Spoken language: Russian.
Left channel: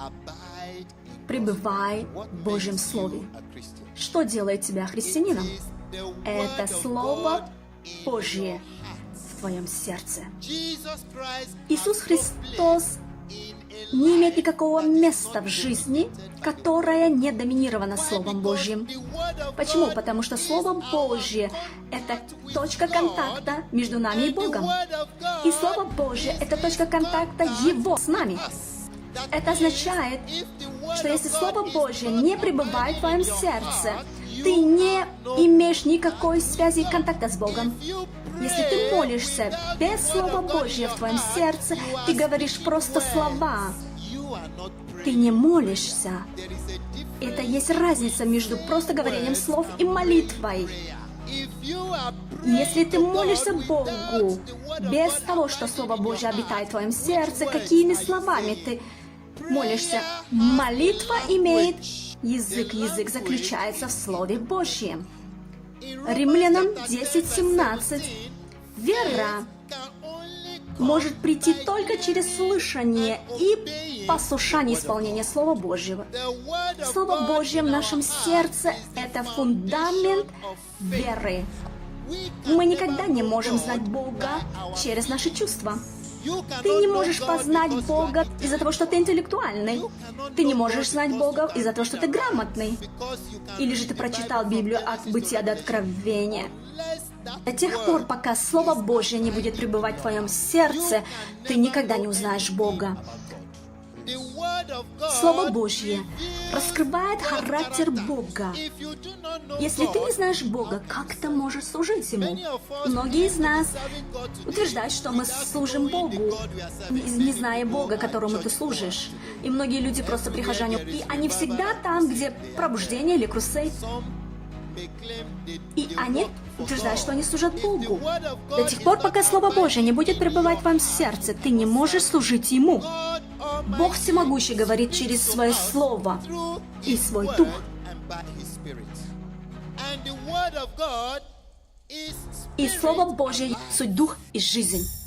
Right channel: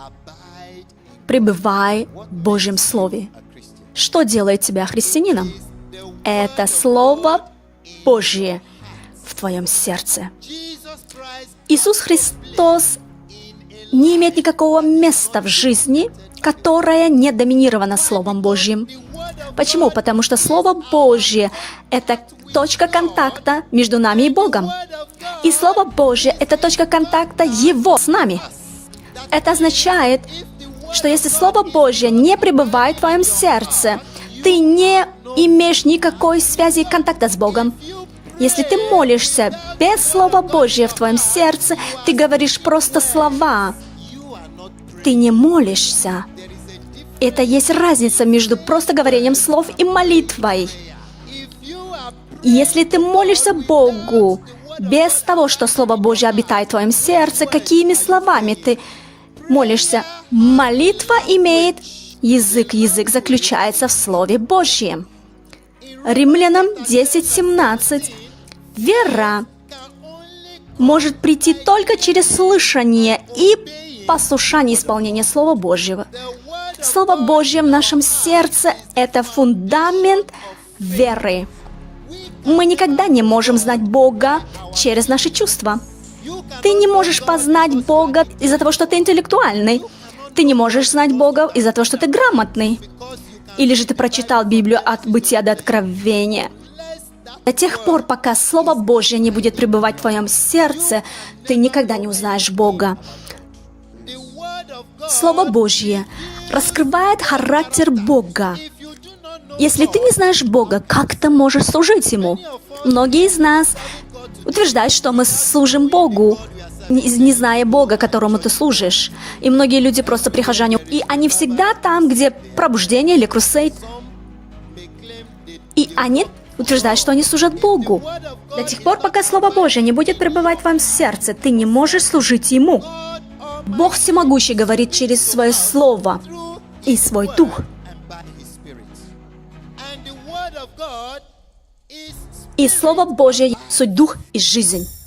Пребывай в Божьем Слове. Что делает тебя христианином? Это Слово Божье в твоем сердце. Иисус Христос не имеет никакого места в жизни, которое не доминировано Словом Божьим. Почему? Потому что Слово Божье — это точка контакта между нами и Богом. И Слово Божье — это точка контакта Его с нами. Это означает, что если Слово Божье не пребывает в твоем сердце, ты не имеешь никакой связи и контакта с Богом. Если ты молишься без Слова Божьего в твоем сердце, ты говоришь просто слова. Ты не молишься. Это есть разница между просто говорением слов и молитвой. Если ты молишься Богу без того, что Слово Божье обитает в твоем сердце, какими словами ты молишься? Молитва имеет язык. Язык заключается в Слове Божьем. Римлянам 10:17. Вера может прийти только через слышание и послушание исполнения Слова Божьего. Слово Божье в нашем сердце — это фундамент веры. Мы никогда не можем знать Бога через наши чувства. Ты не можешь познать Бога из-за того, что ты интеллектуальный. Ты не можешь знать Бога из-за того, что ты грамотный. Или же ты прочитал Библию от Бытия до Откровения. До тех пор, пока Слово Божье не будет пребывать в твоем сердце, ты никогда не узнаешь Бога. Слово Божье раскрывает характер Бога. Если ты не знаешь Бога, как ты можешь служить Ему? Многие из нас утверждают, что мы служим Богу, не зная Бога, которому ты служишь. И многие люди просто прихожане, и они всегда там, где пробуждение или крусейд. И они утверждают, что они служат Богу. До тех пор, пока Слово Божье не будет пребывать в твоем сердце, ты не можешь служить Ему. Бог Всемогущий говорит через Свое Слово и Свой Дух. И Слово Божье — суть Дух и жизнь.